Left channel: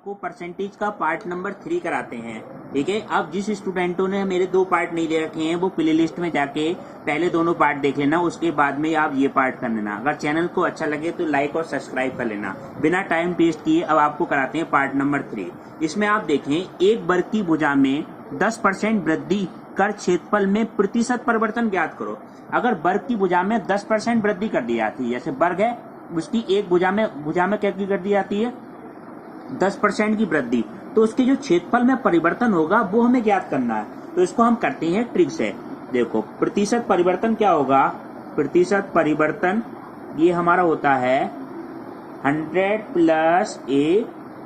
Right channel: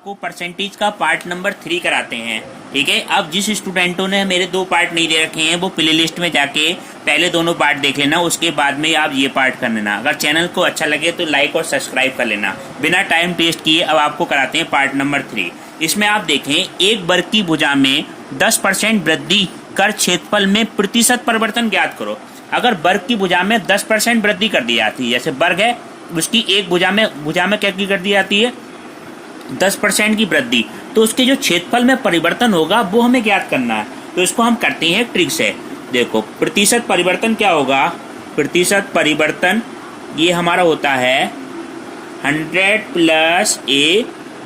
आपको परसेंटेज का part number 3 कराते हैं। ठीक है, अब जिस स्टूडेंटों ने मेरे 2 पार्ट नहीं दे रखे हैं वो प्ले लिस्ट में जाके पहले दोनों पार्ट देख लेना, उसके बाद में आप ये पार्ट कर लेना। अगर चैनल को अच्छा लगे तो लाइक और सब्सक्राइब कर लेना। बिना टाइम वेस्ट किए अब आपको कराते हैं पार्ट नंबर 3। इसमें आप देखें, एक वर्ग की भुजा में 10% वृद्धि कर क्षेत्रफल में प्रतिशत परिवर्तन ज्ञात करो। अगर वर्ग की भुजा में 10% वृद्धि कर दी जाती है, जैसे वर्ग है उसकी एक भुजा में क्या कर दी जाती है 10% की वृद्धि, तो उसके जो क्षेत्रफल में परिवर्तन होगा वो हमें ज्ञात करना है। तो इसको हम करते हैं ट्रिक से। देखो, प्रतिशत परिवर्तन क्या होगा, प्रतिशत परिवर्तन ये हमारा होता है 100 प्लस ए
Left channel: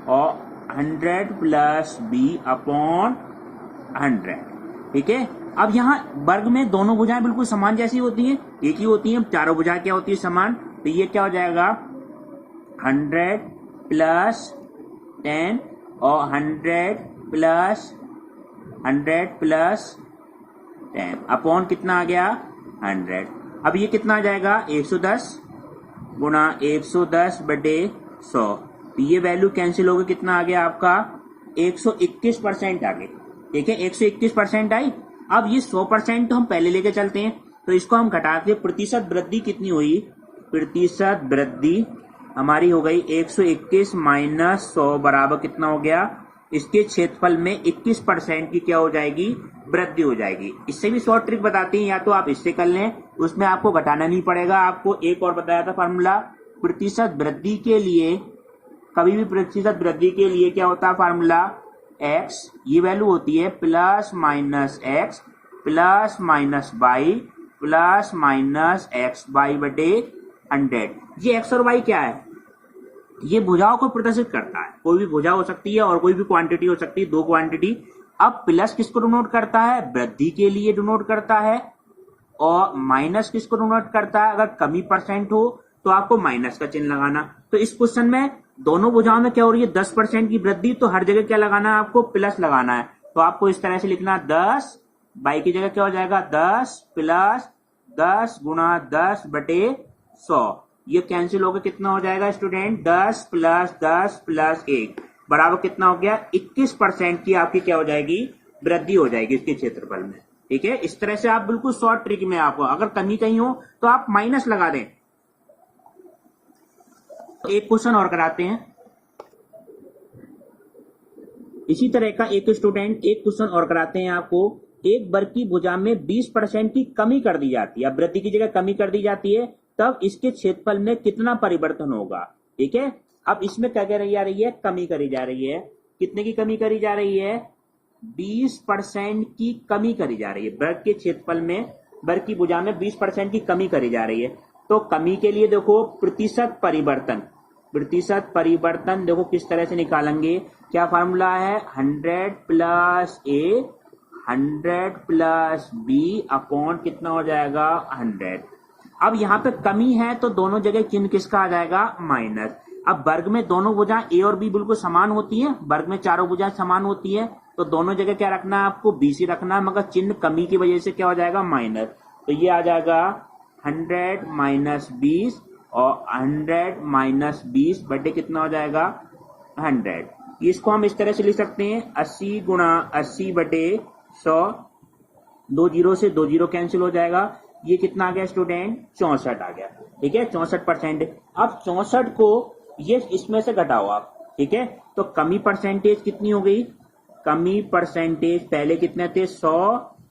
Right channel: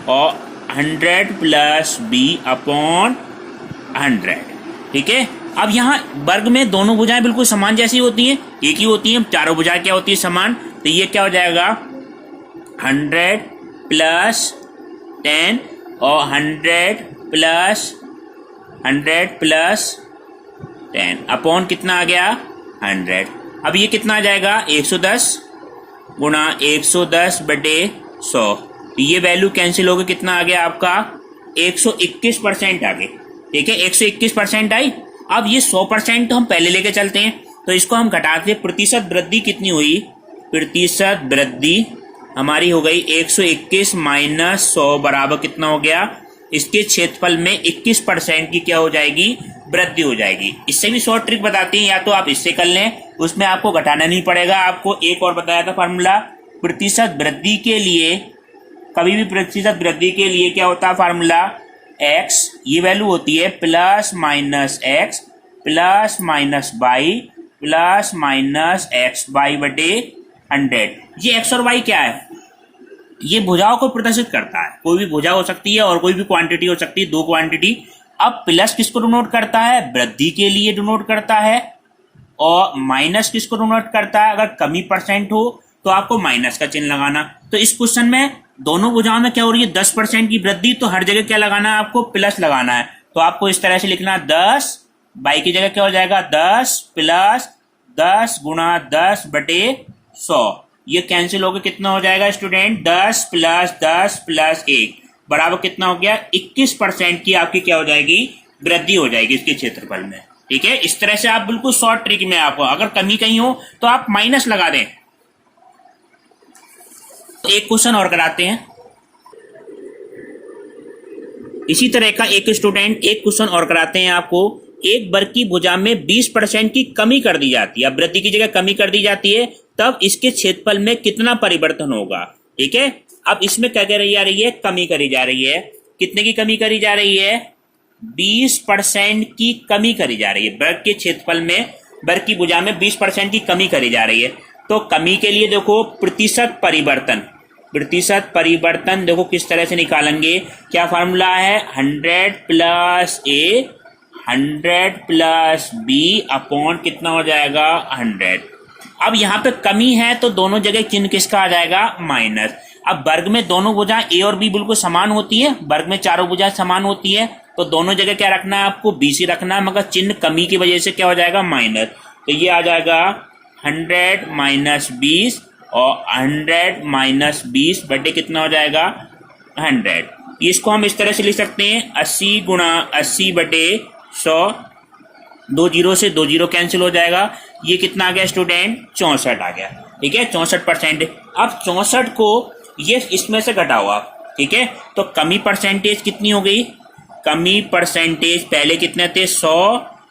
और 100 प्लस बी अपॉन 100। ठीक है, अब यहाँ वर्ग में दोनों भुजाएं बिल्कुल समान जैसी होती हैं, एक ही होती हैं, चारों भुजाएं क्या होती है समान। तो ये क्या हो जाएगा 100 प्लस 10 और 100 प्लस 10 अपॉन कितना आ गया 100। अब ये कितना आ जाएगा 110 गुणा 110 बटे 100। ये वैल्यू कैंसिल होकर कितना आ गया आपका 121% आ गई। ठीक है, 121% आई। अब ये 100% तो हम पहले लेके चलते हैं, तो इसको हम घटाते हैं। प्रतिशत वृद्धि कितनी हुई, प्रतिशत वृद्धि हमारी हो गई 121 माइनस 100 बराबर कितना हो गया, इसके क्षेत्रफल में 21% की क्या हो जाएगी वृद्धि हो जाएगी। इससे भी शॉर्ट ट्रिक बताती है, या तो आप इससे कर लें, उसमें आपको घटाना नहीं पड़ेगा। आपको एक और बताया था फार्मूला, प्रतिशत वृद्धि के लिए, कभी भी प्रतिशत वृद्धि के लिए क्या होता है फार्मूला, x ये वैल्यू होती है plus minus x plus minus y plus minus x y बटे 100। ये x और y क्या है, ये भुजाओं को प्रदर्शित करता है। कोई भी भुजा हो सकती है और कोई भी क्वांटिटी हो सकती है, 2 क्वांटिटी। अब प्लस किसको डिनोट करता है, वृद्धि के लिए डिनोट करता है, और माइनस किसको डिनोट करता है, अगर कमी परसेंट हो तो आपको माइनस का चिन्ह लगाना। तो इस क्वेश्चन में दोनों भुजाओं में क्या हो रही है 10% की वृद्धि, तो हर जगह क्या लगाना है आपको प्लस लगाना है। तो आपको इस तरह से लिखना 10 बाई की जगह क्या हो जाएगा 10 प्लस 10 गुणा 10 बटे 100। ये कैंसिल होकर कितना हो जाएगा स्टूडेंट 10 प्लस 1 बराबर कितना हो गया 21% की आपकी क्या हो जाएगी वृद्धि हो जाएगी इसके क्षेत्रफल में। ठीक है, इस तरह से आप बिल्कुल शॉर्ट ट्रिक में, आपको अगर कमी कहीं हो तो आप माइनस लगा दें। एक क्वेश्चन और कराते हैं इसी तरह का। एक क्वेश्चन और कराते हैं आपको। एक वर्ग की भुजा में 20% की कमी कर दी जाती है, अब वृद्धि की जगह कमी कर दी जाती है, तब इसके क्षेत्रफल में कितना परिवर्तन होगा। ठीक है, अब इसमें क्या करी जा रही है, कमी करी जा रही है। कितने की कमी करी जा रही है 20% की कमी करी जा रही है। वर्ग के क्षेत्रफल में, वर्ग की भुजा में 20% की कमी करी जा रही है। तो कमी के लिए देखो प्रतिशत परिवर्तन देखो किस तरह से निकालेंगे, क्या फार्मूला है 100 प्लस ए 100 प्लस बी अपॉन कितना हो जाएगा 100। अब यहाँ पे कमी है तो दोनों जगह चिन्ह किसका आ जाएगा माइनस। अब वर्ग में दोनों भुजा ए और बी बिल्कुल समान होती है, वर्ग में चारों भुजा समान होती है, तो दोनों जगह क्या रखना है आपको बी सी रखना है, मगर चिन्ह कमी की वजह से क्या हो जाएगा माइनस। तो ये आ जाएगा 100 माइनस 20 और 100 माइनस 20 बटे कितना हो जाएगा 100। इसको हम इस तरह से लिख सकते हैं 80 गुणा 80 बटे 100। 2 जीरो से 2 जीरो कैंसिल हो जाएगा। ये कितना आ गया स्टूडेंट 64 आ गया। ठीक है, 64%। अब 64 को ये इसमें से घटाओ आप। ठीक है, तो कमी परसेंटेज कितनी हो गई, कमी परसेंटेज पहले कितने थे 100,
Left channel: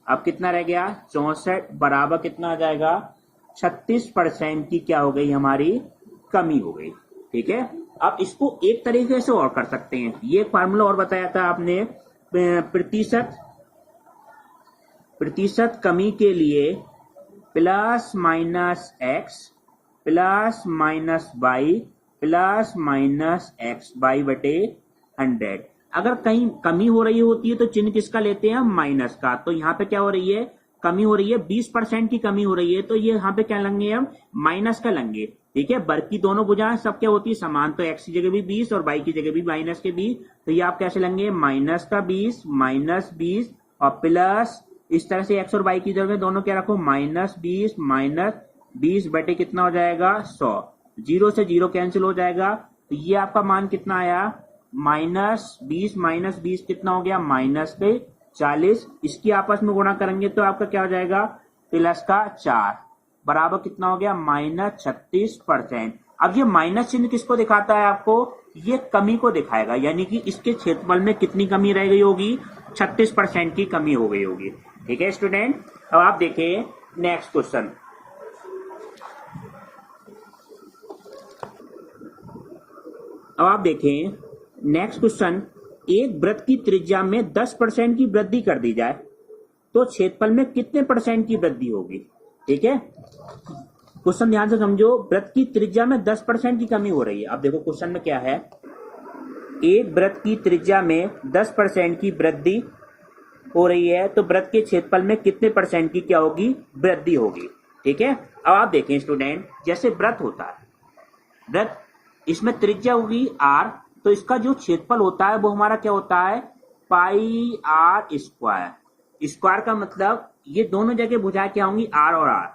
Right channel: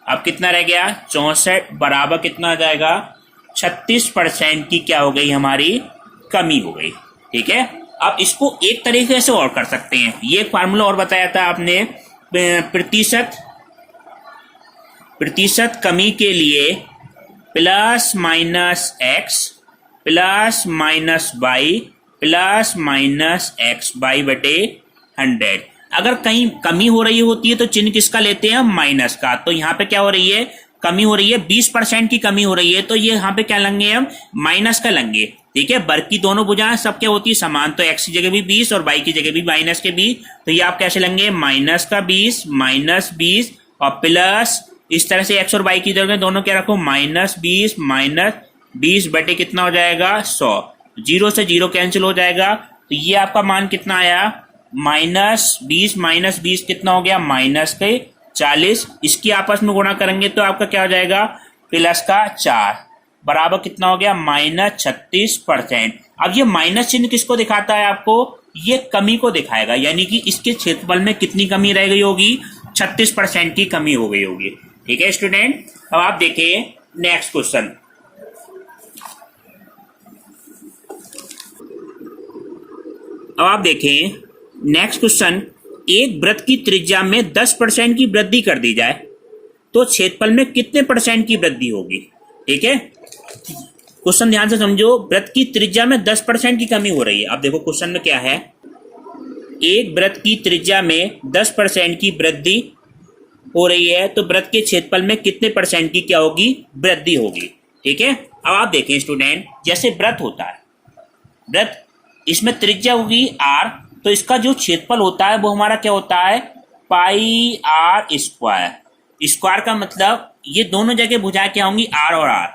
अब कितना रह गया 64 बराबर कितना आ जाएगा 36% की क्या हो गई हमारी कमी हो गई। ठीक है, अब इसको एक तरीके से और कर सकते हैं। ये एक फार्मूला और बताया था आपने, प्रतिशत कमी के लिए plus minus x plus minus y plus minus x y बटे 100। अगर कहीं कमी हो रही होती है तो चिन्ह किसका लेते हैं हम माइनस का। तो यहाँ पे क्या हो रही है कमी हो रही है 20% की कमी हो रही है, तो ये यहाँ पे क्या लेंगे हम माइनस का लेंगे। ठीक है, वर्ग की दोनों भुजाएं सब क्या होती है समान, तो x की जगह भी 20 और y की जगह भी माइनस के 20। तो ये आप कैसे लेंगे माइनस का 20 माइनस 20 और प्लस, इस तरह से x और y की जगह दोनों क्या रखो माइनस 20 बटे कितना हो जाएगा 100। 0 से 0 कैंसिल हो जाएगा, तो ये आपका मान कितना आया -20 कितना हो गया, -40। इसकी आपस में गुणा करेंगे तो आपका क्या हो जाएगा, +4 बराबर कितना हो गया, -36%। अब ये माइनस चिन्ह किसको दिखाता है आपको, ये कमी को दिखाएगा, यानी कि इसके क्षेत्रफल में कितनी कमी रह गई होगी, 36% की कमी हो गई होगी। ठीक है स्टूडेंट, अब आप देखिए नेक्स्ट क्वेश्चन। अब आप देखें नेक्स्ट क्वेश्चन, एक वृत्त की त्रिज्या में 10% की वृद्धि कर दी जाए तो क्षेत्रफल में कितने % की वृद्धि होगी। ठीक है, क्वेश्चन ध्यान से समझो, वृत्त की त्रिज्या में 10% की कमी हो रही है। अब देखो क्वेश्चन में क्या है, एक वृत्त की त्रिज्या में 10% की वृद्धि हो रही है तो वृत्त के क्षेत्रफल में कितने % की क्या होगी, वृद्धि होगी। ठीक है, अब आप देखें स्टूडेंट, जैसे वृत्त होता है, वृत्त इसमें त्रिज्या होगी r, तो इसका जो क्षेत्रफल होता है वो हमारा क्या होता है, πr²। स्क्वायर का मतलब ये दोनों जगह भुजाएं क्या होंगी, r और r,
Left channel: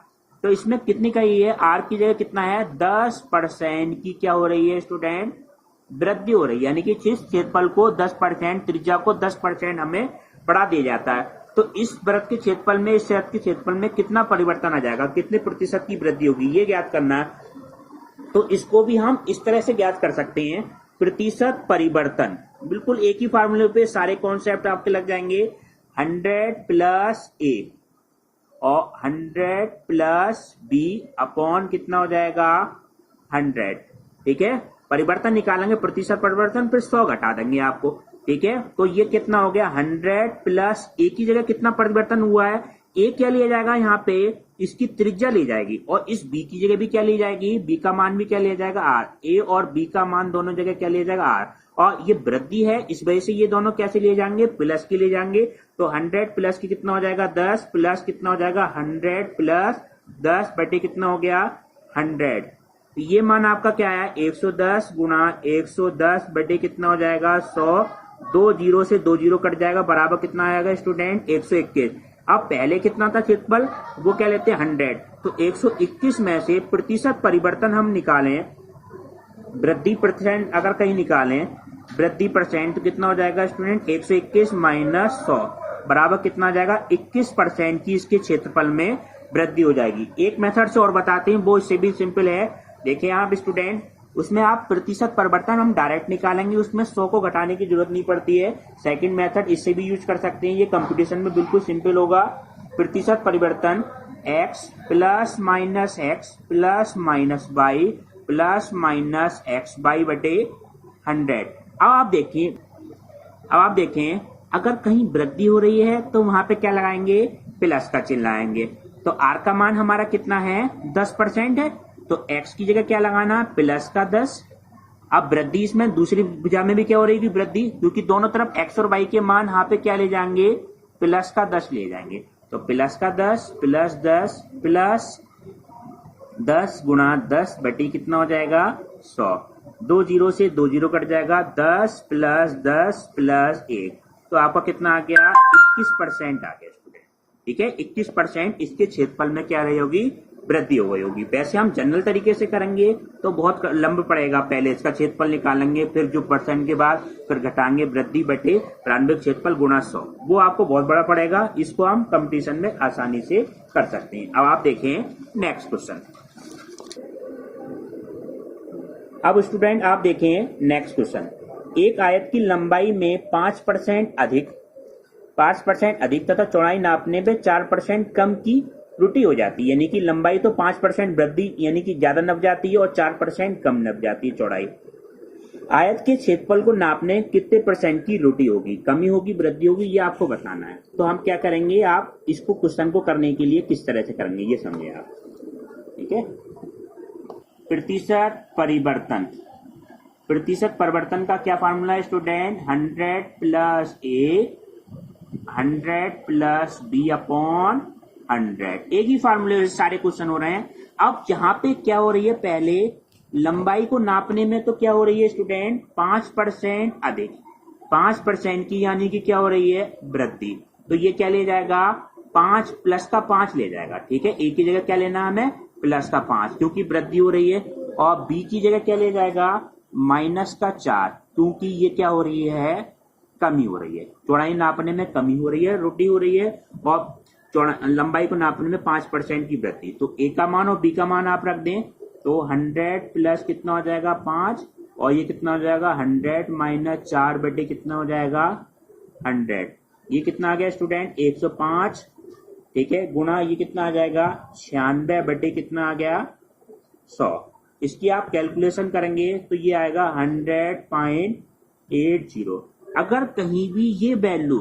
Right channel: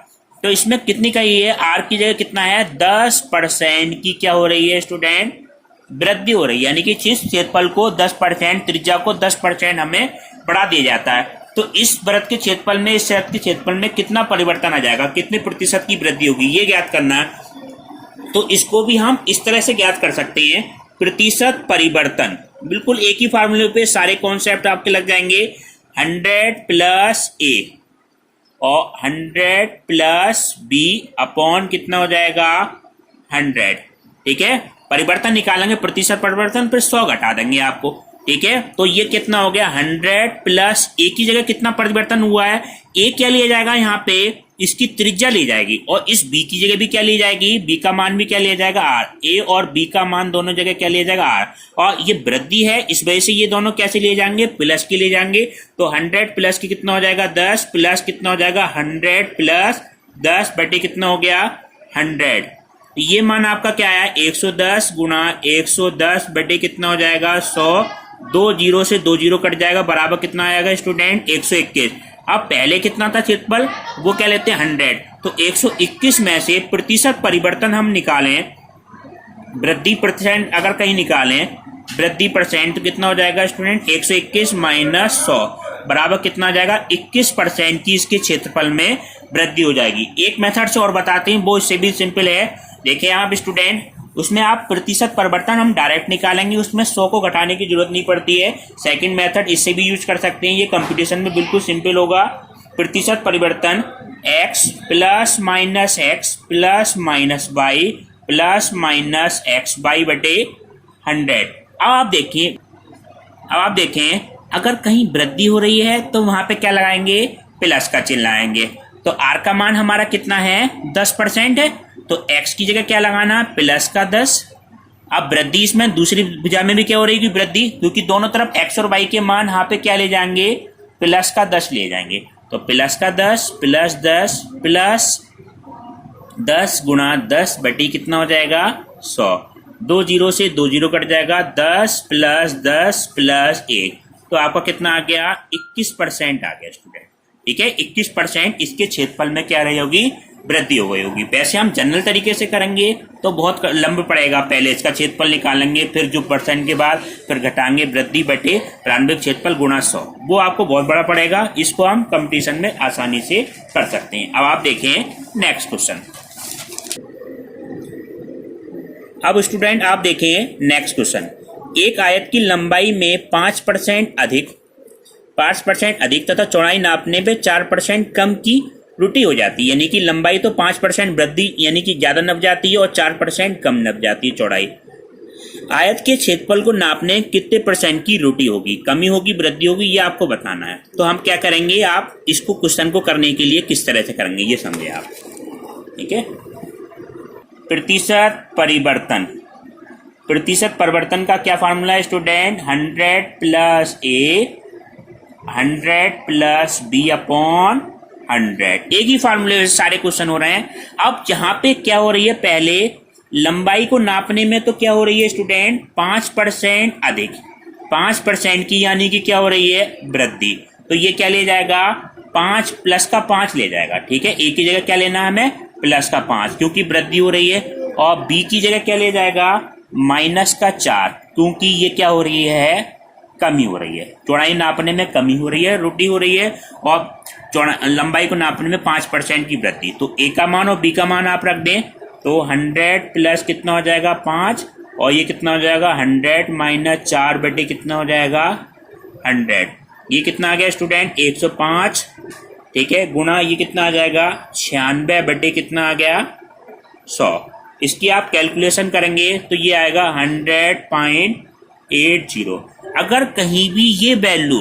तो इसमें कितनी का ये है, r की जगह कितना है, 10% की क्या हो रही है स्टूडेंट, वृद्धि हो रही है, यानी कि इस क्षेत्रफल को 10%, त्रिज्या को 10% हमें बढ़ा दिया जाता है। तो इस वृत्त के क्षेत्रफल में, इस वृत्त के क्षेत्रफल में कितना परिवर्तन आ जाएगा, कितने प्रतिशत की वृद्धि होगी, ये ज्ञात करना है। तो इसको भी हम इस तरह से ज्ञात कर सकते हैं, प्रतिशत परिवर्तन। बिल्कुल एक ही फार्मूले पे सारे कॉन्सेप्ट आपके लग जाएंगे, 100 + a और 100 + b अपॉन कितना हो जाएगा, 100। ठीक है, परिवर्तन निकालेंगे, प्रतिशत परिवर्तन, फिर 100 घटा देंगे आपको। ठीक है, तो ये कितना हो गया, 100 + a की जगह कितना परिवर्तन हुआ है, a क्या लिया जाएगा यहाँ पे, इसकी त्रिज्या ली जाएगी, और इस b की जगह भी क्या ली जाएगी, b का मान भी क्या लिया जाएगा, r। a और b का मान दोनों जगह क्या लिया जाएगा, r। और ये वृद्धि है, इस वजह से ये दोनों कैसे लिए जाएंगे, प्लस के लिए जाएंगे। तो 100 प्लस की कितना हो जाएगा, 10 प्लस कितना हो जाएगा, 100 + 10 बटे कितना हो गया, 100। ये मान आपका क्या है, 110 गुणा 110 बटे कितना हो जाएगा, 100। 2 0 से 2 0 कट जाएगा, बराबर कितना आएगा स्टूडेंट, 121। अब पहले कितना था क्षेत्रफल, वो क्या लेते हैं, 100। तो 121 में से प्रतिशत परिवर्तन हम निकालें, वृद्धि % अगर कहीं निकालें, वृद्धि % तो कितना हो जाएगा स्टूडेंट, 121 - 100 बराबर कितना आ जाएगा, 21% की इसके क्षेत्रफल में वृद्धि हो जाएगी। एक मेथड से और बताते हैं, वो इससे भी सिंपल है। देखिए आप स्टूडेंट, उसमें आप प्रतिशत परिवर्तन हम डायरेक्ट निकालेंगे, उसमें 100 को घटाने की जरूरत नहीं पड़ती है। सेकंड मेथड इससे भी यूज कर सकते हैं, ये कंप्यूटेशन में बिल्कुल सिंपल होगा। प्रतिशत परिवर्तन x + -x + -y + -xy बटे 100। अब आप देखें अगर कहीं वृद्धि हो रही है तो वहां पे क्या लगाएंगे, प्लस का चिन्ह लगाएंगे। तो r का मान हमारा कितना है, 10% है, तो x की जगह क्या लगाना, +10। अब वृद्धि इसमें दूसरी भुजा में भी क्या हो रही है, वृद्धि, क्योंकि दोनों तरफ x और y के मान यहाँ पे क्या ले जाएंगे, +10 ले जाएंगे। तो +10 + 10 + 10 गुणा 10 बटी कितना हो जाएगा, 100। 2 0 से 2 0 कट जाएगा, 10 + 10 + 1, तो आपका कितना आ गया, 21% आ गया स्टूडेंट। ठीक है, 21% इसके क्षेत्रफल में क्या रही होगी, वृद्धि हो गई होगी। वैसे हम जनरल तरीके से करेंगे तो बहुत लंबा पड़ेगा, पहले इसका क्षेत्रफल निकालेंगे, फिर जो % के बाद फिर घटाएंगे वृद्धि बटे प्रारंभिक क्षेत्रफल गुणा 100, वो आपको बहुत बड़ा पड़ेगा। इसको हम कंपटीशन में आसानी से कर सकते हैं। अब आप देखें नेक्स्ट क्वेश्चन। अब स्टूडेंट आप देखें नेक्स्ट क्वेश्चन, एक आयत की लंबाई में 5% अधिक तथा चौड़ाई नापने पे 4% कम की त्रुटि हो जाती है, यानी कि लंबाई तो 5% वृद्धि यानी कि ज्यादा नप जाती है और 4% कम नप जाती है चौड़ाई। आयत के क्षेत्रफल को नापने कितने % की त्रुटि होगी, कमी होगी, वृद्धि होगी, ये आपको बताना है। तो हम क्या करेंगे, आप इसको क्वेश्चन को करने के लिए किस तरह से करेंगे ये समझे आप। ठीक है, प्रतिशत परिवर्तन, प्रतिशत परिवर्तन का क्या फार्मूला है स्टूडेंट, 100 + a 100 + b अपॉन 100। एक ही फार्मूले से सारे क्वेश्चन हो रहे हैं। अब जहां पे क्या हो रही है, पहले लंबाई को नापने में तो क्या हो रही है स्टूडेंट, 5% अधिक, 5% की यानी कि क्या हो रही है, वृद्धि। तो ये क्या ले जाएगा, 5 + का 5 ले जाएगा। ठीक है, ए की जगह क्या लेना है हमें, + का 5, क्योंकि वृद्धि हो रही है। और बी की जगह क्या ले जाएगा, -4, क्योंकि ये क्या हो रही है, कमी हो रही है, चौड़ाई नापने में कमी हो रही है, त्रुटि हो रही है, और लंबाई को नापने में 5% की वृद्धि। तो ए का मान और बी का मान आप रख दें तो 100 प्लस कितना हो जाएगा 5, और ये कितना हो जाएगा 100 माइनस 4 बटे कितना हो जाएगा 100। ये कितना आ गया स्टूडेंट 105, ठीक है, गुणा ये कितना आ जाएगा 96 बटे कितना आ गया 100। इसकी आप कैलकुलेशन करेंगे तो ये आएगा 100.80। अगर कहीं भी ये वैल्यू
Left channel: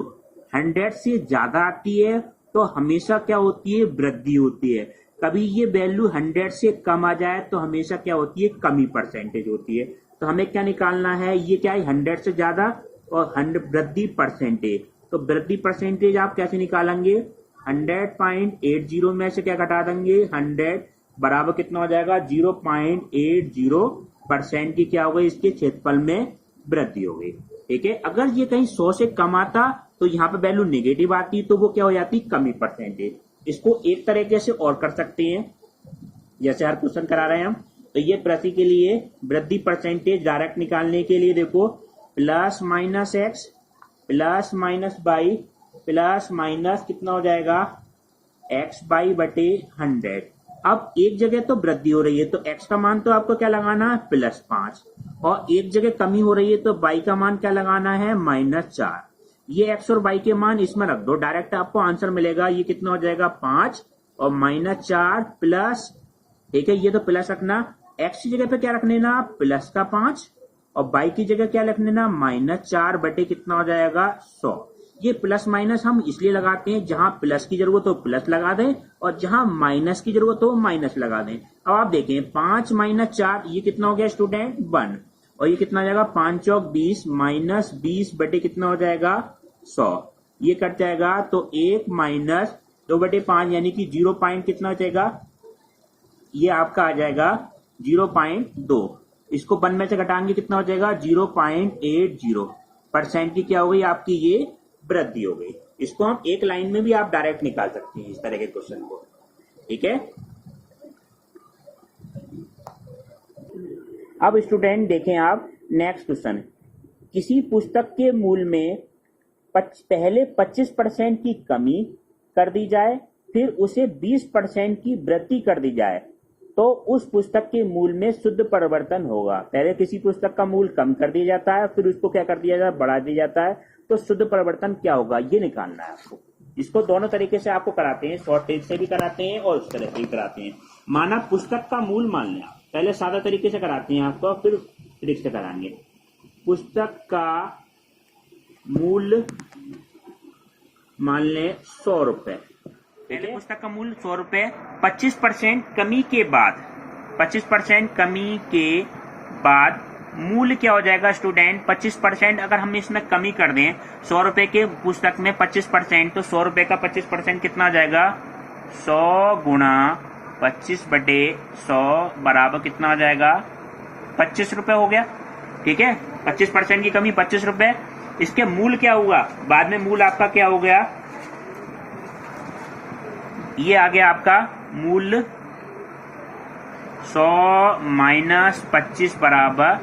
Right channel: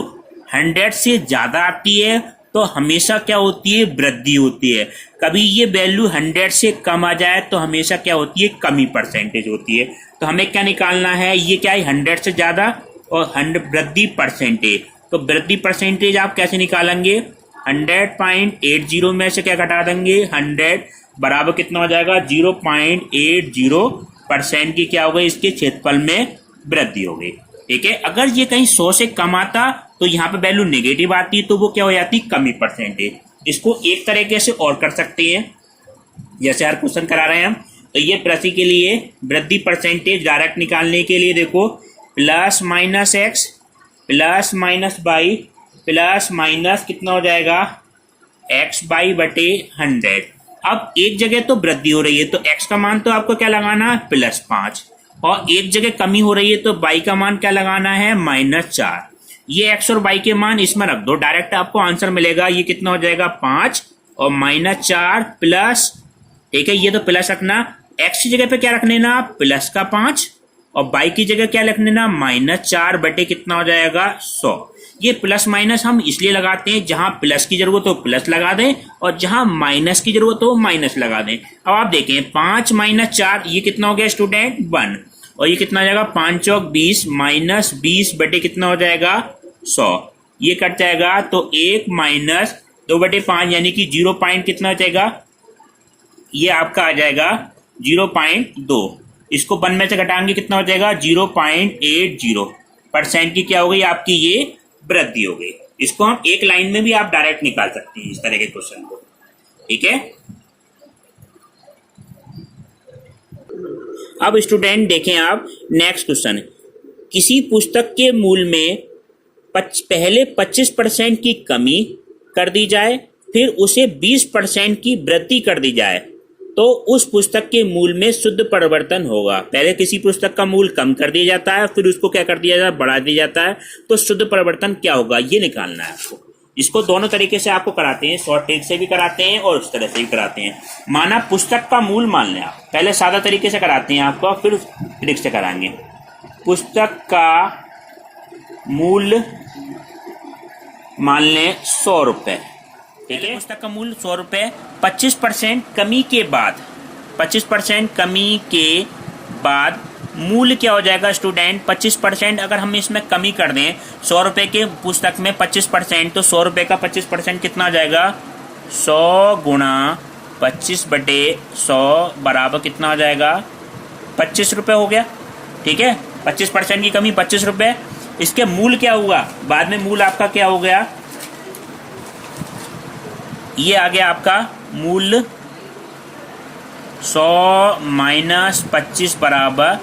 100 से ज़्यादा आती है तो हमेशा क्या होती है, वृद्धि होती है। कभी ये वैल्यू 100 से कम आ जाए तो हमेशा क्या होती है, कमी परसेंटेज होती है। तो हमें क्या निकालना है, ये क्या है 100 से ज़्यादा और वृद्धि परसेंटेज। तो वृद्धि परसेंटेज आप कैसे निकालेंगे, 100.80 में से क्या घटा देंगे 100 बराबर कितना हो जाएगा 0.80% की क्या हो गई, इसके क्षेत्रफल में वृद्धि हो गई। ठीक है, अगर ये कहीं 100 से कम आता तो यहाँ पे वैल्यू नेगेटिव आती तो वो क्या हो जाती, कमी परसेंटेज। इसको एक तरीके से और कर सकते हैं, जैसे हर क्वेश्चन करा रहे हैं हम। तो ये प्रति के लिए वृद्धि परसेंटेज डायरेक्ट निकालने के लिए देखो plus minus x plus minus by plus minus कितना हो जाएगा एक्स बाई बटे 100। अब एक जगह तो वृद्धि हो रही है तो एक्स का मान तो आपको क्या लगाना है +5, और एक जगह कमी हो रही है तो बाई का मान क्या लगाना है -4। ये एक्स और बाई के मान इसमें रख दो, डायरेक्ट आपको आंसर मिलेगा। ये कितना हो जाएगा 5 और -4 प्लस, ठीक है, ये तो प्लस रखना, एक्स की जगह पे क्या रखने ना प्लस का 5 और बाई की जगह क्या लिखने ना -4 बटे कितना हो जाएगा 100। ये प्लस माइनस हम इसलिए लगाते हैं जहां प्लस की जरूरत हो प्लस लगा दें और जहां माइनस की जरूरत हो माइनस लगा दें। अब आप देखें 5 - 4 ये कितना हो गया स्टूडेंट 1, और ये कितना हो जाएगा 5 चौक 20 -20 बटे कितना हो जाएगा 100। ये कट जाएगा तो 1 - 2 बटे 5 यानी कि 0 पॉइंट कितना हो जाएगा, ये आपका आ जाएगा 0.2। इसको 1 में से घटाएंगे कितना हो जाएगा 0.80% की क्या हो गई आपकी ये वृद्धि हो गई। इसको हम एक लाइन में भी आप डायरेक्ट निकाल सकते हैं इस तरह के क्वेश्चन को। ठीक है, अब स्टूडेंट देखें आप नेक्स्ट क्वेश्चन, किसी पुस्तक के मूल्य में पहले 25% की कमी कर दी जाए फिर उसे 20% की वृद्धि कर दी जाए तो उस पुस्तक के मूल्य में शुद्ध परिवर्तन होगा। पहले किसी पुस्तक का मूल्य कम कर दिया जाता है फिर उसको क्या कर दिया जाता है, बढ़ा दिया जाता है, तो शुद्ध परिवर्तन क्या होगा ये निकालना है आपको। इसको दोनों तरीके से आपको कराते हैं, शॉर्ट ट्रिक से भी कराते हैं और उस तरह से भी कराते हैं। माना पुस्तक का मूल्य मान लें आप, पहले सादा तरीके से कराते हैं आपको फिर ट्रिक से कराएंगे। पुस्तक का मूल्य मान लें 100 रुपये, ठीक है, पुस्तक का मूल्य 100 रुपये, 25% कमी के बाद 25% कमी के बाद मूल्य क्या हो जाएगा स्टूडेंट 25%। अगर हम इसमें कमी कर दें 100 रुपये के पुस्तक में 25%, तो 100 रुपये का 25% कितना आ जाएगा 100 गुणा 25 बटे 100 बराबर कितना हो जाएगा 25 रुपये हो गया। ठीक है, 25% की कमी 25 रुपये। इसके मूल्य क्या होगा बाद में, मूल्य आपका क्या हो गया, ये आ गया आपका मूल्य 100 माइनस 25 बराबर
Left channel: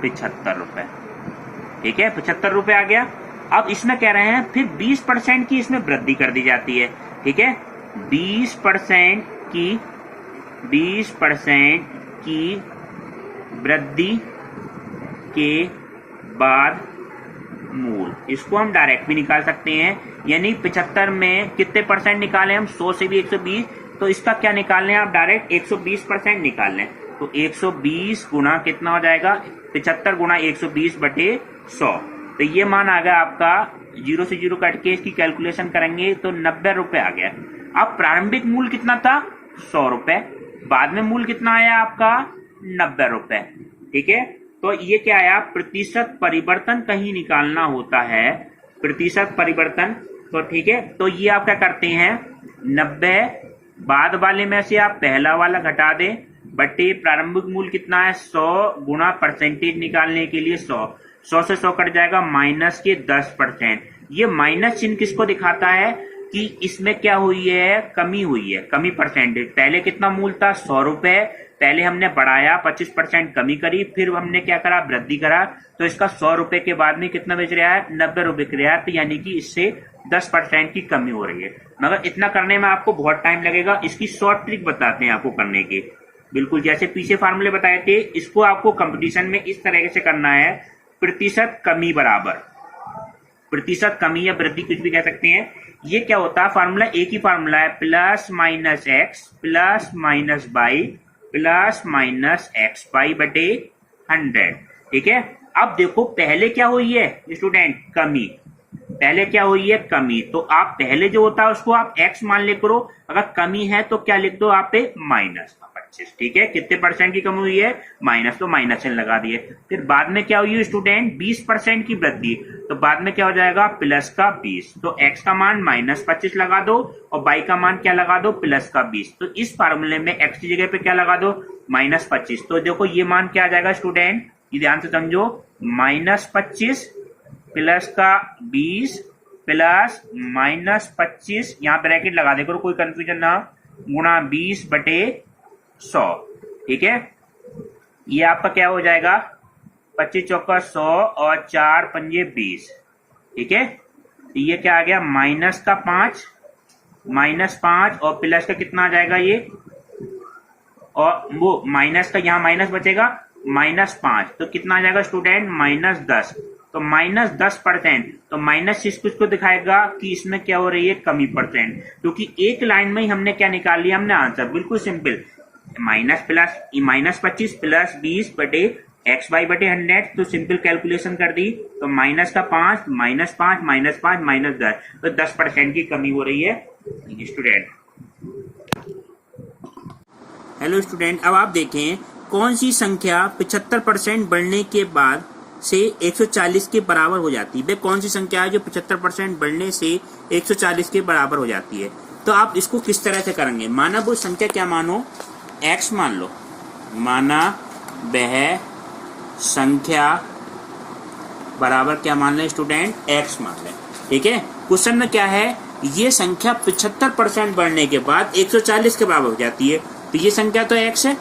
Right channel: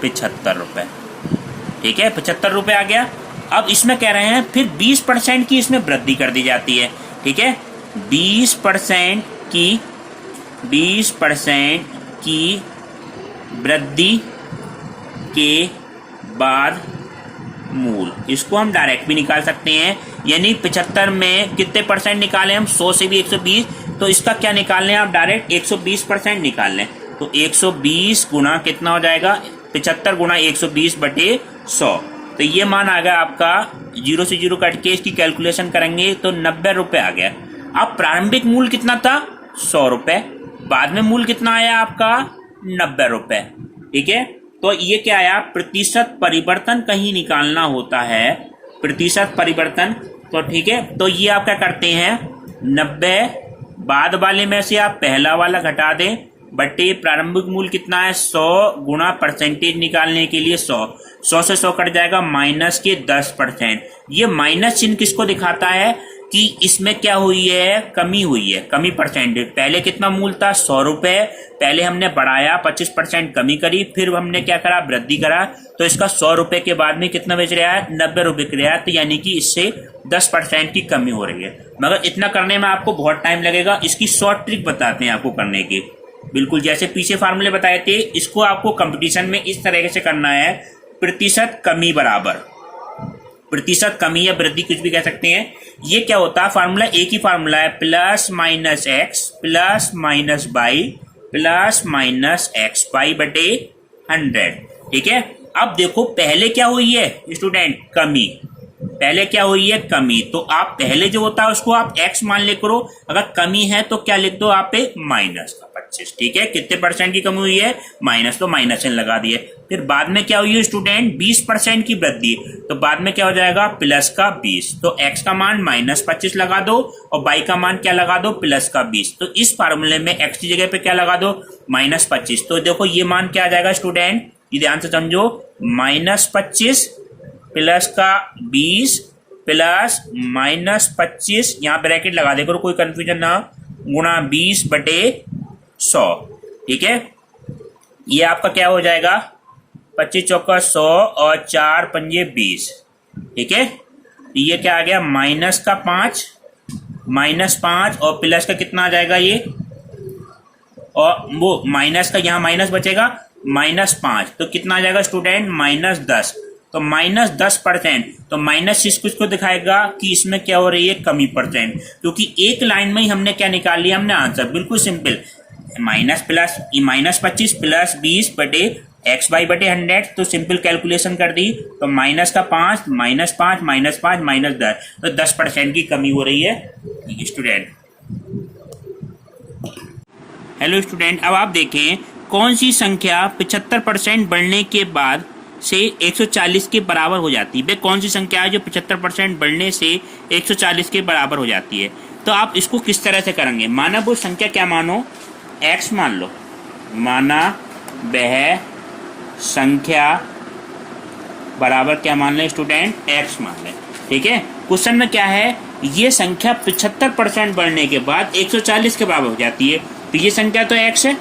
75 रुपये। ठीक है, 75 रुपये आ गया। अब इसमें कह रहे हैं फिर 20% की इसमें वृद्धि कर दी जाती है। ठीक है, 20% की वृद्धि के बाद मूल, इसको हम डायरेक्ट भी निकाल सकते हैं, यानी 75 में कितने परसेंट निकालें हम, 100 से भी 120, तो इसका क्या निकाल लें आप डायरेक्ट 120% निकाल लें। तो 120 गुणा कितना हो जाएगा 75 गुणा 120 बटे 100, तो ये मान आ गया आपका 0 से 0 कट के इसकी कैलकुलेशन करेंगे तो 90 रुपये आ गया। अब प्रारंभिक मूल्य कितना था 100 रुपये, बाद में मूल्य कितना आया आपका 90 रुपये। ठीक है, तो ये क्या आया प्रतिशत परिवर्तन कहीं निकालना होता है, प्रतिशत परिवर्तन। तो ठीक है, तो ये आप क्या करते हैं 90 बाद वाले में से आप पहला वाला घटा दें बटे प्रारंभिक मूल्य कितना है 100 गुणा परसेंटेज निकालने के लिए 100 से 100 कट जाएगा माइनस के 10%। ये माइनस चिन्ह किसको दिखाता है, कि इसमें क्या हुई है, कमी हुई है, कमी परसेंटेज। पहले कितना मूल था, 100 रुपए, पहले हमने बढ़ाया, 25% कमी करी, फिर हमने क्या करा, वृद्धि करा, तो इसका 100 रुपए के बाद में कितना बेच रहा है, 90 रुपए के रहा है, तो यानी कि इससे 10% की कमी हो रही है। मगर इतना करने में आपको बहुत टाइम लगेगा, इसकी शॉर्ट ट्रिक बताते हैं आपको करने की। बिल्कुल जैसे पीछे फार्मूले बताए थे, इसको आपको कंपटीशन में इस तरीके से करना है, प्रतिशत कमी बराबर प्रतिशत कमी या वृद्धि, कुछ भी कह सकते हैं। ये क्या होता है, फार्मूला एक ही फार्मूला है, plus minus x plus minus y plus minus x y बटे 100। ठीक है, अब देखो पहले क्या हुई है स्टूडेंट, कमी। पहले क्या हुई है, कमी, तो आप पहले जो होता है उसको आप x मान ले करो, अगर कमी है तो क्या लिख दो आप पे, माइनस का 25। ठीक है, कितने परसेंट की कमी हुई है, माइनस, तो माइनस n लगा दिए। फिर बाद में क्या हुई है स्टूडेंट, 20% की वृद्धि, तो बाद में क्या हो जाएगा, प्लस का 20, तो x का मान -25 लगा दो और y का मान क्या लगा दो, प्लस का 20। तो इस फार्मूले में x की जगह पे क्या लगा दो, -25। तो देखो ये मान क्या आ जाएगा स्टूडेंट, ये ध्यान से समझो, -25 प्लस का 20 प्लस -25, यहाँ ब्रैकेट लगा दे करो, कोई कंफ्यूजन ना, गुणा 20 बटे 100। ठीक है, ये आपका क्या हो जाएगा, 25 चौका 100 और 4 पंजे 20। ठीक है, ये क्या आ गया, -5 -5 और प्लस का कितना आ जाएगा ये, और वो माइनस का यहाँ माइनस बचेगा, -5, तो कितना आ जाएगा स्टूडेंट, -10, तो -10%, तो माइनस इस कुछ को दिखाएगा कि इसमें क्या हो रही है, कमी परसेंट, क्योंकि एक लाइन में ही हमने क्या निकाल लिया, हमने आंसर, बिल्कुल सिंपल, -25 प्लस 20 बटे एक्स वाई बटे 100, तो सिंपल कैलकुलेशन कर दी, तो -5 -5 -5 -10, तो 10% की कमी हो रही है स्टूडेंट। हेलो स्टूडेंट, अब आप देखें कौन सी संख्या 75% बढ़ने के बाद से 140 के बराबर हो जाती है। वे कौन सी संख्या है जो 75% बढ़ने से 140 के बराबर हो जाती है। तो आप इसको किस तरह से करेंगे, माना वो संख्या क्या मानो, x मान लो, माना वह संख्या बराबर क्या मान लें स्टूडेंट, x मान लें। ठीक है, क्वेश्चन में क्या है, ये संख्या 75% बढ़ने के बाद 140 के बराबर हो जाती है, तो ये संख्या तो x है।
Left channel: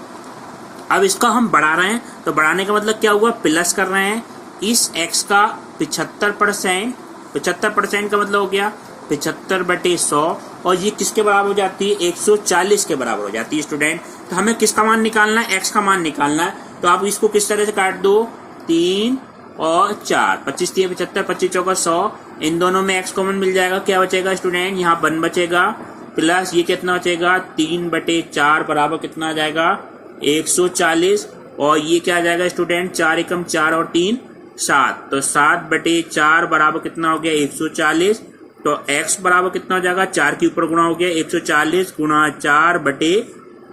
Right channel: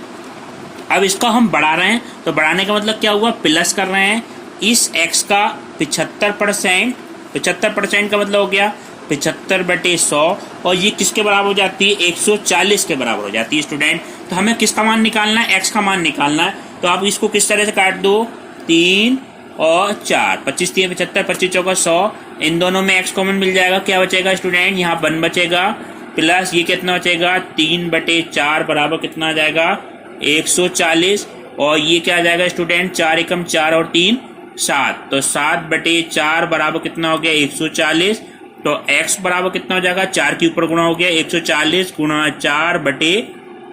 अब इसका हम बढ़ा रहे हैं, तो बढ़ाने का मतलब क्या हुआ, प्लस कर रहे हैं, इस x का 75% का मतलब हो गया 75 बटे 100, और ये किसके बराबर हो जाती है, 140 के बराबर हो जाती है स्टूडेंट। तो हमें किसका मान निकालना है, x का मान निकालना है। तो आप इसको किस तरह से काट दो, 3 और 4, 25 3 75, 25 चौका 100, इन दोनों में x कॉमन मिल जाएगा, क्या बचेगा स्टूडेंट, यहाँ 1 बचेगा, प्लस ये कितना बचेगा, 3 बटे 4 बराबर कितना आ जाएगा, 140, और ये क्या आ जाएगा स्टूडेंट, 4 एकम 4 और 3 7, तो 7 बटे 4 बराबर कितना हो गया, 140, तो x बराबर कितना हो जाएगा, 4 के ऊपर गुणा हो गया, 140 गुणा 4 बटे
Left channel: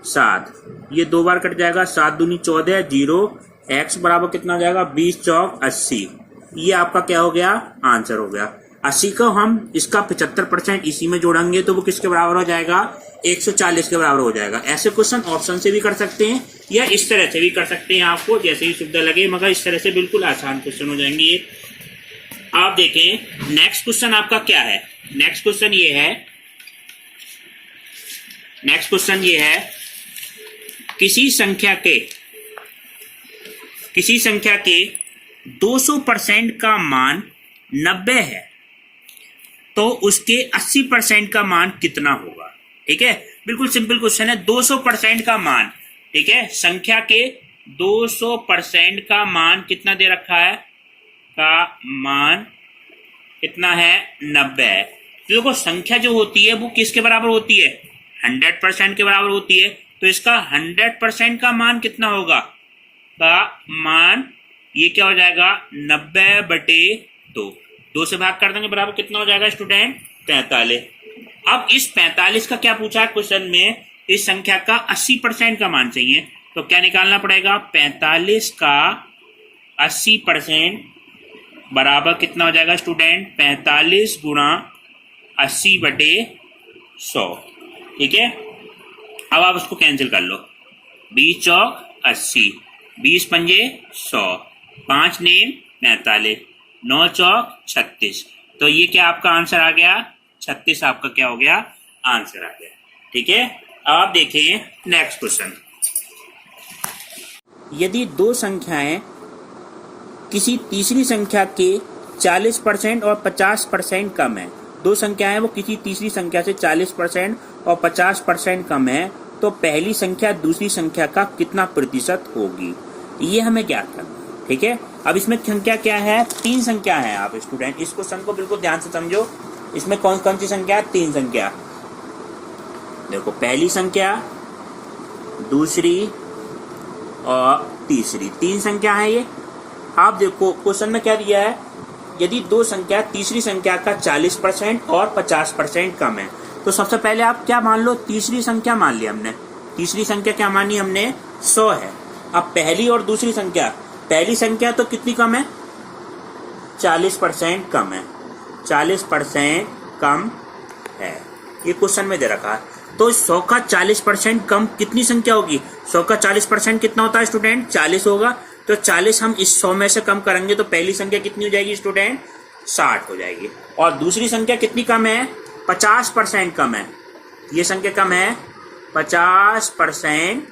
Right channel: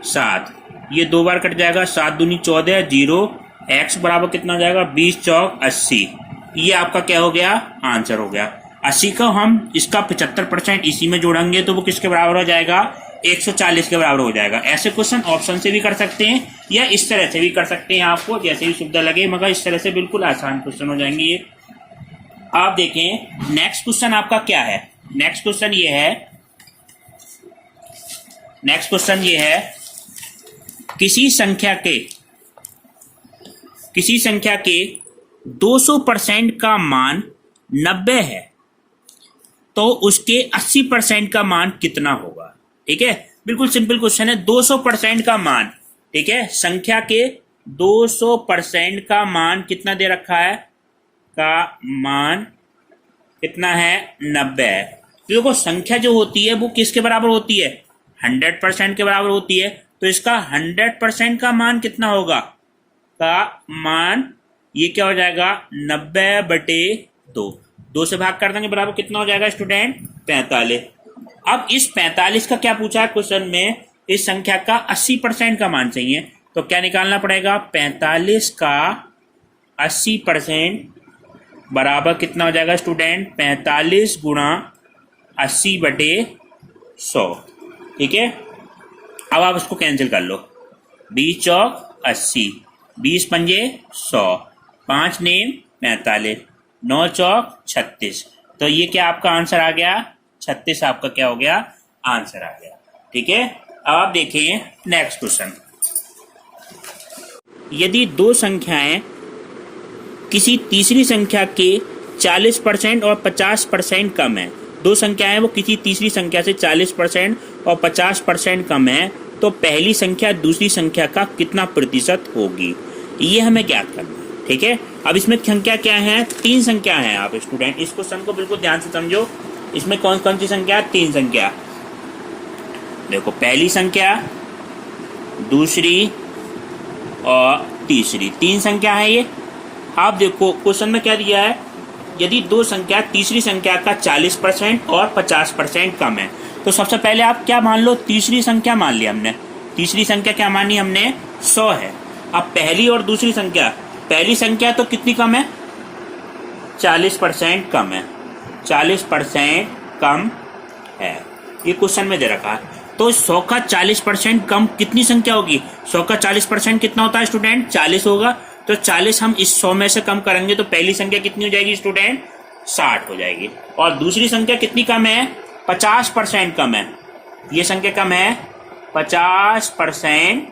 7, ये 2 बार कट जाएगा, 7 दूनी 14, 0, x बराबर कितना हो जाएगा, 20 चौक 80। ये आपका क्या हो गया, आंसर हो गया। 80 का हम इसका 75% इसी में जोड़ेंगे तो वो किसके बराबर हो जाएगा, 140 के बराबर हो जाएगा। ऐसे क्वेश्चन ऑप्शन से भी कर सकते हैं या इस तरह से भी कर सकते हैं, आपको जैसे भी सुविधा लगे, मगर इस तरह से बिल्कुल आसान क्वेश्चन हो जाएंगे। आप देखें नेक्स्ट क्वेश्चन आपका क्या है, नेक्स्ट क्वेश्चन ये है किसी संख्या के 200% का मान 90 है तो उसके 80% का मान कितना होगा। ठीक है, बिल्कुल सिंपल क्वेश्चन है, 200% का मान, ठीक है, संख्या के 200% का मान कितना दे रखा है, का मान कितना है, 90 है। तो देखो संख्या जो होती है वो किसके बराबर होती है, 100% के बराबर होती है, तो इसका 100% का मान कितना होगा, का मान ये क्या हो जाएगा, 90 बटे 2 से भाग कर देंगे, बराबर कितना हो जाएगा स्टूडेंट, 45। अब इस 45 का क्या पूछा है क्वेश्चन में, इस संख्या का 80% का मान चाहिए, तो क्या निकालना पड़ेगा, 45 का 80% बराबर कितना हो जाएगा स्टूडेंट, 45 गुणा 80 बटे 100। ठीक है, अब आप उसको कैंसिल कर लो, 20 चौक 80, 20 पंजे 100, 5 नेम 45, 9 चौक 36, तो ये क्या आपका आंसर आ गया 36 आपका क्या हो गया, आंसर आ गया। ठीक है, अब आप देखें नेक्स्ट क्वेश्चन। यदि दो संख्याएं किसी तीसरी संख्या के 40% और 50% कम है, दो संख्याएं वो किसी तीसरी संख्या से 40% और 50% कम है, तो पहली संख्या दूसरी संख्या का कितना प्रतिशत होगी, ये हमें ज्ञात करना है। ठीक है, अब इसमें संख्या क्या है, 3 संख्या है। आप स्टूडेंट इस क्वेश्चन को बिल्कुल ध्यान से समझो। इसमें कौन कौन सी संख्या, 3 संख्या। देखो, पहली संख्या, दूसरी और तीसरी, 3 संख्या है ये। आप देखो क्वेश्चन में क्या दिया है, यदि दो संख्या तीसरी संख्या का 40% और 50% कम है, तो सबसे पहले आप क्या मान लो, तीसरी संख्या मान ली हमने। तीसरी संख्या क्या मानी हमने, 100 है। अब पहली और दूसरी संख्या, पहली संख्या तो कितनी कम है, 40% कम है, 40% कम है, ये क्वेश्चन में दे रखा है। तो 100 का 40% कम कितनी संख्या होगी, 100 का 40% कितना होता है स्टूडेंट, 40 होगा। तो 40 हम इस 100 में से कम करेंगे तो पहली संख्या कितनी हो जाएगी स्टूडेंट, 60 हो जाएगी। और दूसरी संख्या कितनी कम है, 50% कम है, ये संख्या कम है, 50%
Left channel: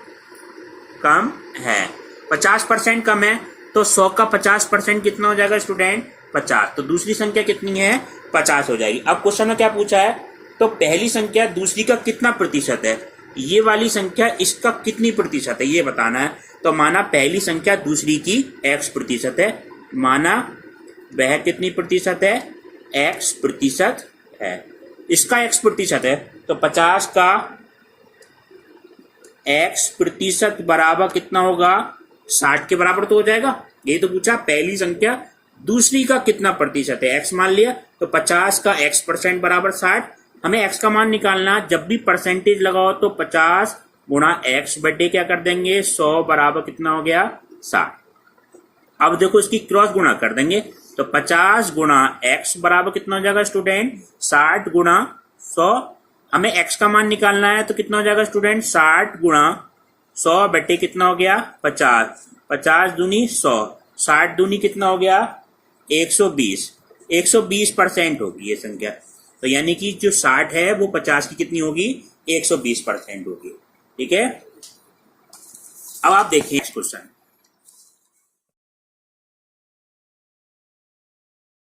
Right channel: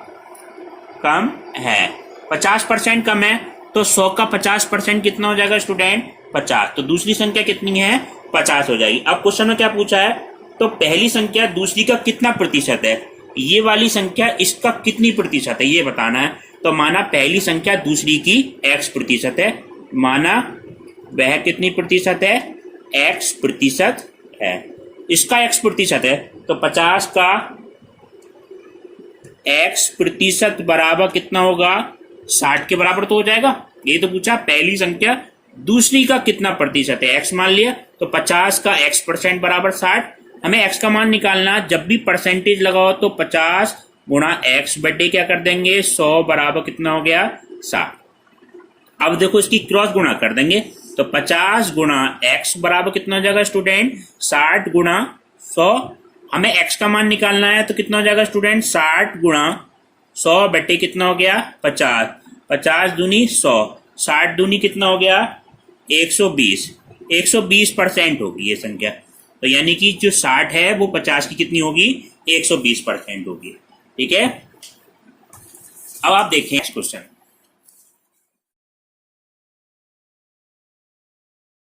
कम है, 50% कम है। तो 100 का 50% कितना हो जाएगा स्टूडेंट, 50। तो दूसरी संख्या कितनी है, 50 हो जाएगी। अब क्वेश्चन में क्या पूछा है, तो पहली संख्या दूसरी का कितना प्रतिशत है, ये वाली संख्या इसका कितनी प्रतिशत है ये बताना है। तो माना पहली संख्या दूसरी की x प्रतिशत है, माना वह कितनी प्रतिशत है, x प्रतिशत है, इसका x प्रतिशत है। तो 50 का x प्रतिशत बराबर कितना होगा, 60 के बराबर तो हो जाएगा। ये तो पूछा पहली संख्या दूसरी का कितना प्रतिशत है, x मान लिया। तो 50 का x% बराबर 60। हमें x का मान निकालना, जब भी परसेंटेज लगाओ तो 50 गुणा x बटे क्या कर देंगे, 100 बराबर कितना हो गया, 60। अब देखो इसकी क्रॉस गुणा कर देंगे, तो 50 गुणा x बराबर कितना हो जाएगा स्टूडेंट, 60 गुणा 100। हमें x का मान निकालना है तो कितना हो जाएगा स्टूडेंट, 60 गुणा 100 बटे कितना हो गया, 50। 50 दूनी 100, 60 दूनी कितना हो गया, 120। 120% होगी ये संख्या। तो यानी कि जो 60 है वो 50 की कितनी होगी, 120% होगी। ठीक है, अब आप देखें क्वेश्चन।